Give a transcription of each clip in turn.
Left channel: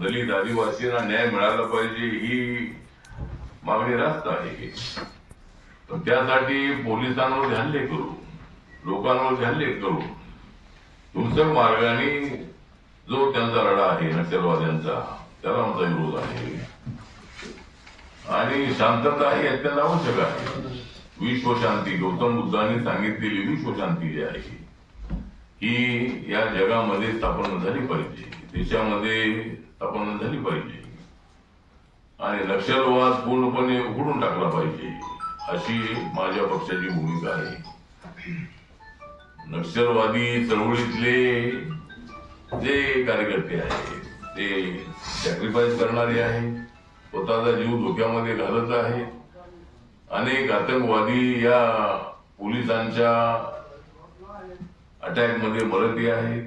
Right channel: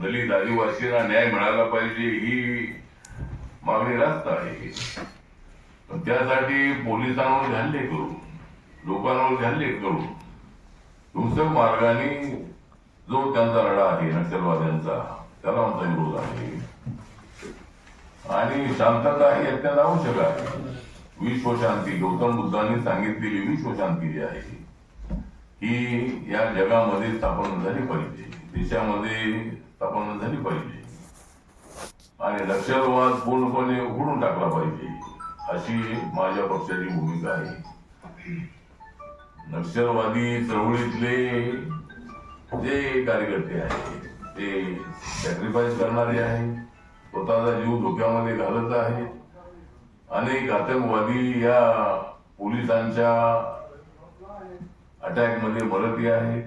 दलित आदिवासींना न्याय मिळाला पाहिजे ही मागणी रास्त आहे. पण त्यासाठी पोलिसांवर हल्ले करू लोकांवर हल्ले करू हिंसक मार्गाने जो त्यांचा लढा आहे नक्षलवाद्यांचा त्याला आमचा विरोध आहे. आणि शांतता ही अत्यंत आवश्यक आहे. विश्वशांती गौतम बुद्धांनी सांगितलेली विश्वशांती जी आहे ही या जगामध्ये स्थापन झाली पाहिजे. देशामध्ये स्थापन झाली पाहिजे. आणि नक्षलवाद पूर्णपणे उघडून टाकला पाहिजे. अशी माझ्या पक्षाची भूमिका आहे. नक्षलवादी चळवळीतले जे कार्यकर्ते आहेत ते सॅक्रिफाईस करणारे आहेत स्वतःचा जीव धोक्यामध्ये घालत आहेत. अनेक आतंकवादी या पोलिसांच्या अटॅकमध्ये मरती आहेत.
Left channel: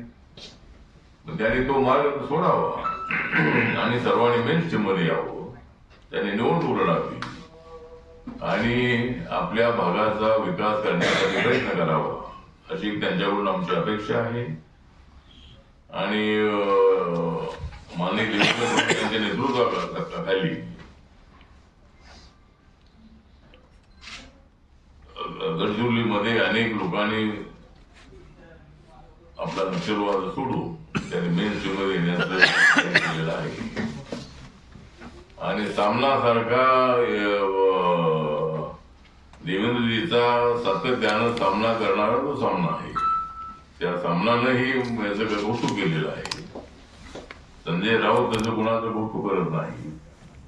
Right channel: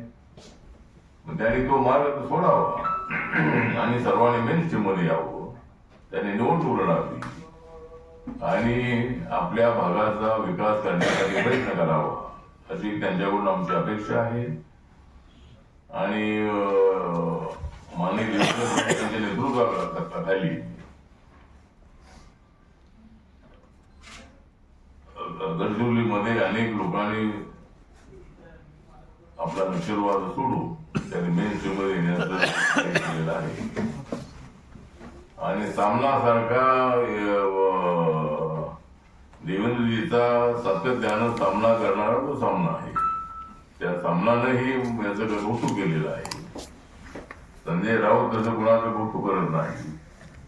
त्याने तो मार्ग सोडावा. आणि सर्वांनी मेन मध्ये यावं. त्याने निवडणूक लढावी आणि आपल्या भागाचा विकास करण्यासाठी प्रयत्न करावा अशी त्यांच्याकडून आमची अपेक्षा आहे. आणि माननीय नेतृत्व फडणवीस नेतृत्वाखाली गडचिरोलीमध्ये अनेक लोकांनी आपला नक्षलवाद सोडू त्याने मेन मध्ये येण्याचं प्रयत्न केलेला आहे आणि सामनासारखा अं, देवेंद्रजीचा सातत्यानं सामना करणारा तो सामना आहे. त्या सामनानंही याचं कौतुक केलेलं आहे. संजय राऊत तसं कुणाचं कौतुक करत नाही.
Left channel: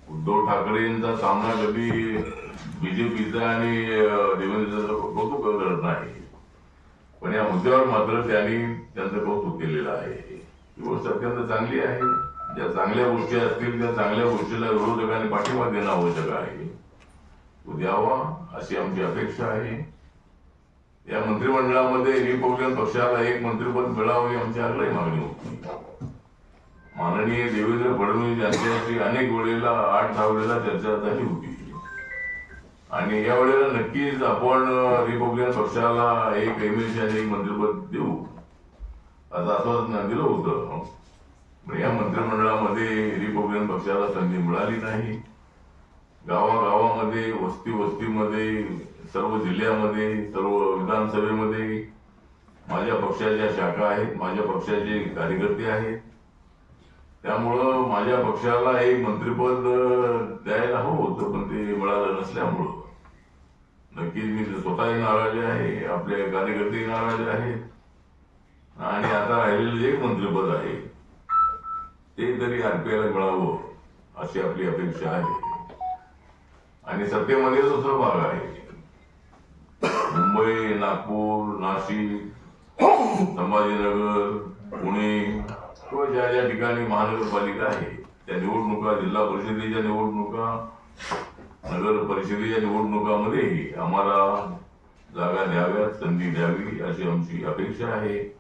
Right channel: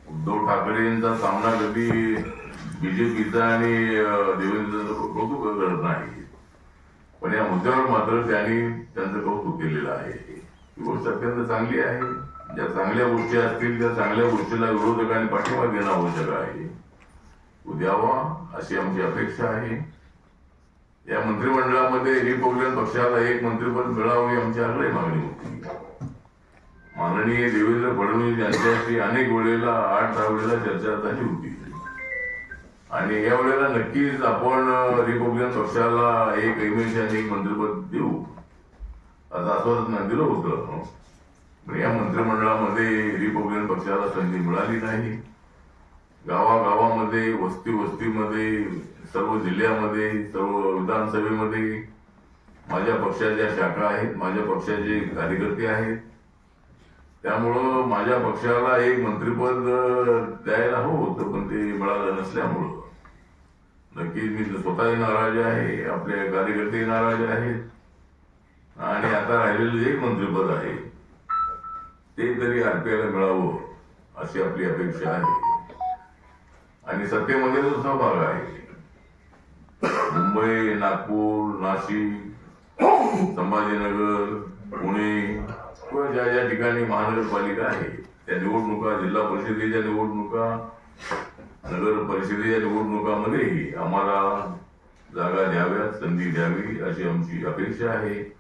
उद्धव ठाकरेंचा सामना कधी बीजेपीचा आणि अं, देवेंद्रचं कौतुक करत नाही. पण या मुद्द्यावर मात्र त्यांनी त्यांचं कौतुक केलेलं आहे. ही गोष्ट अत्यंत चांगली आहे. ज्या चांगल्या गोष्टी असतील त्या चांगल्या गोष्टीला विरोधकांनी पाठिंबा देणं आवश्यक आहे. तो द्यावा अशी आमची अपेक्षा आहे. या मंत्रिमंडळामध्ये रिपब्लिकन पक्षाला एक मंत्रिपद मिळावं ही आमची आग्रही मागणी होती. माननीय देवेंद्र फडणवीस यांच्याशी अनेक वेळेला आठ दहा वेळेला चर्चा झाली होती. आणि या वेळेला नक्कीच आपण रिपब्लिकन पक्षाला एक एमएलसी आणि एक मंत्रिपद देऊ. असं आश्वासन दिलं होतं. या मंत्रिमंडळामध्ये रिपब्लिकन पक्षाला संधी मिळाली नाही. गावागावामध्ये वस्ती वस्तीमध्ये सर्व जिल्ह्यामध्ये सर्व विधानसभेमध्ये माझ्या पक्षाच्या शाखा आहेत माझ्या पक्षाचे कार्यकर्ते आहेत. त्यामुळं माझ्या पक्षाला एक मंत्रिपद द्यायला हवं होतं पण ते मिळालं नसल्यामुळं. नक्कीच मी स्वतःही नाराज आहे आपले कार्यकर्तेही नाराज आहेत. आणि आता राहिलेलं एक मंत्रिपद आहे. ते तरी आरपीआयला मिळावं अशी आपली अपेक्षा आहे. आणि सत्तेमध्ये जो सहभाग आहे. मुंबई नागपूर नाशिक संभाजीनगर पुणे किंवा ज्या ज्या ठिकाणी महानगरपालिका आहे त्या निवडणुका जिल्हा परिषदेच्या निवडणुका नगर परिषदेच्या निवडणुकामध्येही आम्हाला जागा द्याव्यात संधी द्यावी अशी आमची अपेक्षा आहे.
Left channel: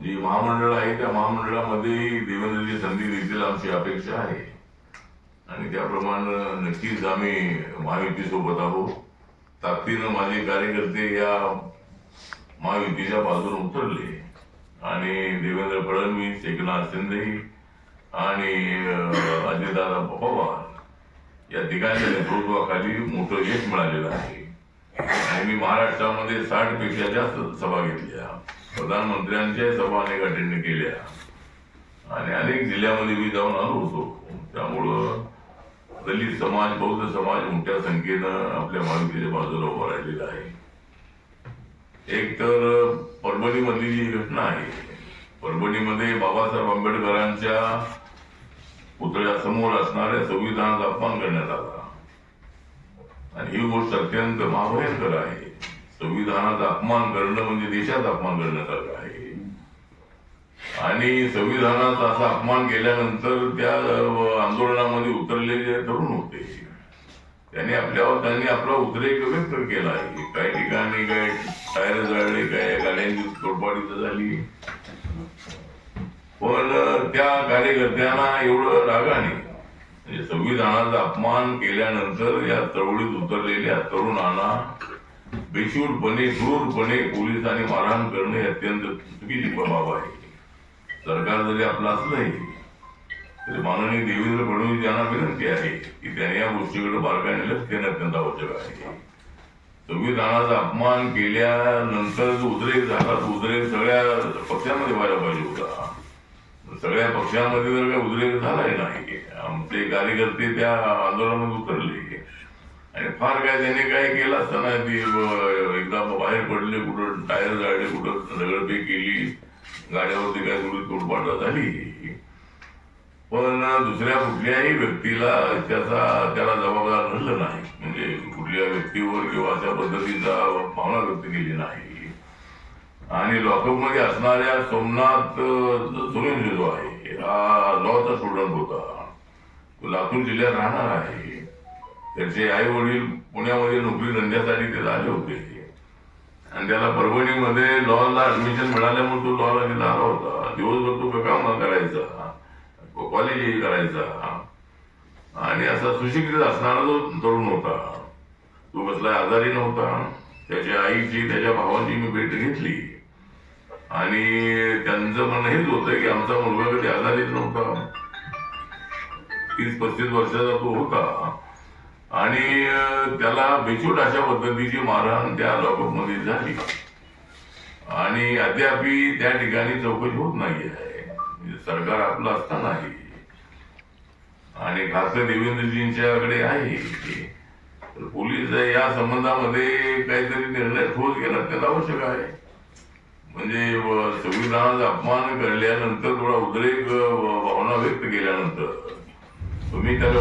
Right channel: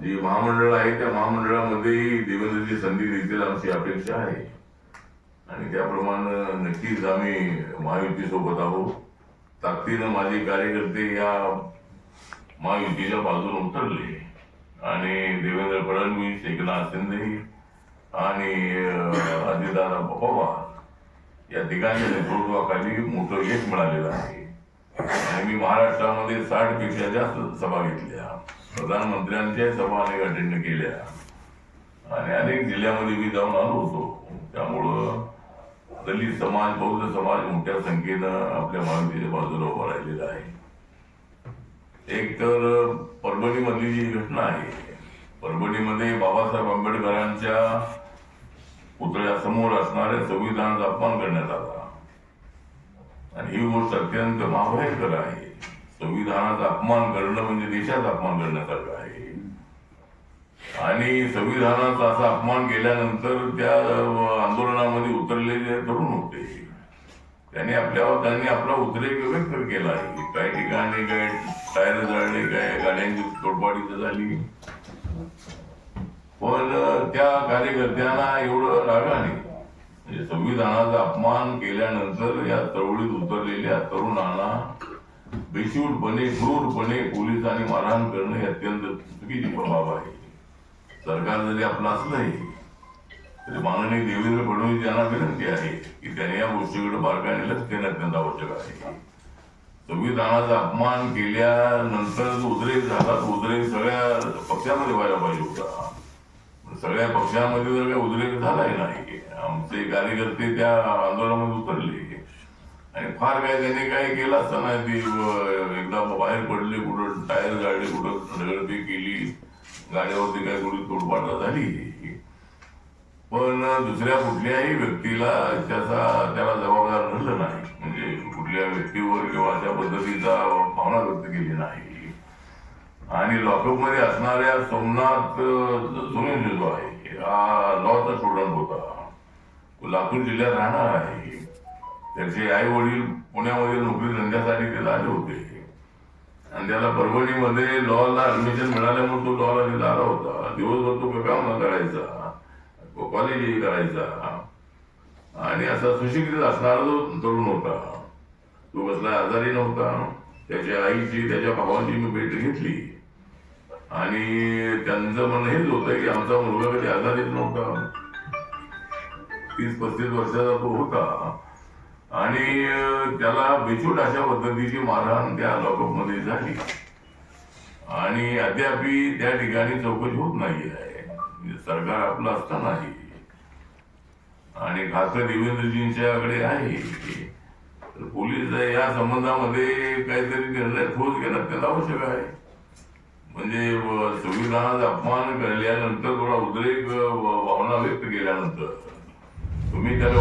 जी महामंडळ आहे त्या महामंडळामध्येही देवेंद्रजी संधी देतील आमची अपेक्षा आहे. आणि त्याप्रमाणे नक्कीच आम्ही महायुती सोबत आहोत. ताकदीनं माझे कार्यकर्ते या महायुतीच्या बाजूने उतरले. आणि देवेंद्र फडणवीस एकनाथ शिंदे आणि अजितदादा पवार या तिघांच्या नेतृत्वाखाली मोठं यश मिळालेलं आहे. आणि मी महाराष्ट्रामध्ये साठपेक्षा जास्त सभा घेतल्या. प्रधानमंत्र्यांच्या सभा अनेक अटेंड केल्या. आणि अनेक जिल्ह्यामध्ये मी जाऊन आलो होतो. त्यामुळं दलित समाज बौद्ध समाज मोठ्या संख्येनं आपल्या महायुतीच्या बाजूला उभा राहिलेला आहे. एक तर परभणीमधली जी घटना आहे परभणीमध्ये बाबासाहेब आंबेडकरांच्या पुतळ्यासमोर असणाऱ्या संविधानाचा अपमान करण्यात आला. आणि ही गोष्ट अत्यंत महाभयंकर आहे. संविधानाचा अपमान करणं म्हणजे देशाचा अपमान करण्यासारखं आहे. आणि संविधानाचा असा अपमान केल्यानंतर त्या आंदोलनामध्ये उतरलेले तरुण होते. त्यांनी आपल्यावर त्यांनी आपला उद्रेक व्यक्त केला आहे. काही ठिकाणी काय टायर जळले काय गाड्यांची तोडपाडी झाली. पण त्या कार्यकर्त्यांना एवढं रागाने म्हणजे संविधानाचा अपमान केल्यानंतर या चळवळीत उतरलेल्या तरुणांना बेशूरपणे क्रूरपणे पोलिसांनी मारहाण करणे अत्यंत चुकीची बाब आहे. सरकार जरी आपलं असलंही तरी माननीय देवेंद्र फडणवीस यांना विनंती आहे की त्यांनी या गोष्टीकडे बारकाईने लक्ष देणं अत्यंत आवश्यक आहे. संविधानाचा अपमान केल्यानंतर जो उद्रेक झाला तो उद्रेक सगळ्या पक्षांमध्ये व्हायला पाहिजे होता. सगळ्या पक्षांमध्ये जर काही उद्रेक झालाही नाही आमचे कार्यकर्ते त्या आंदोलनामध्ये उतरले. आणि फार काय त्याने काय केलं असं नाही ती एकदा बाहेर पडले कुठं टायर जाळले कुठं दगडफेक केली गाड्यावरती काय थोडी तोडपाटा झाली. पण दुसऱ्या कुठल्याही व्यक्तीला त्याचा त्याला जबाबदार धरलं नाही. म्हणजे कुठल्या व्यक्तीवर किंवा त्या पद्धतीचा भावना व्यक्त केली नाही. आणि लॉकअपमध्ये असणाऱ्या सोमनाथ सोनेंद्र जो आहे हा लॉचा स्टुडंट होता. लातूर जिल्ह्यात राहणार आहे. त्याचे आई वडील पुण्यामध्ये नोकरी धंद्यासाठी ते आले होते. आणि त्याला परभणीमध्ये लॉला ऍडमिशन मिळाल्यामुळे तो लॉला तिथे आला होता. दिवसभर तो काम करायचा कॉलेजही करायचा. आणि असा सुशिक्षित असणारा जो तरुण होता तो कसला आजारी नव्हता. त्याच्या आईची त्याच्या भावांची मी भेट घेतली. आणि त्यांचं म्हणणं हेच होतं की आमचा मुलगा कधी आजारीच नव्हता. तीस पस्तीस वर्षाचा तो होता. आणि त्याला बेचूट अशा पद्धतीची मारहाण त्या लॉकअपमध्ये झाली. आणि अद्याप त्या ठिकाणी चौकशी होत नाही आहे म्हणजे सरकार आपलं असतानाही आणि खासदार देवेंद्रजींच्याकडे आहे. तर पोलीस या संबंधामध्ये काहीतरी निर्णय ठोस घेणं त्याला आवश्यक आहे. म्हणजे संविधानाचा अपमान केल्यानंतर थोडा उद्रेक भावना व्यक्त केल्यानंतर. तुम्ही त्याला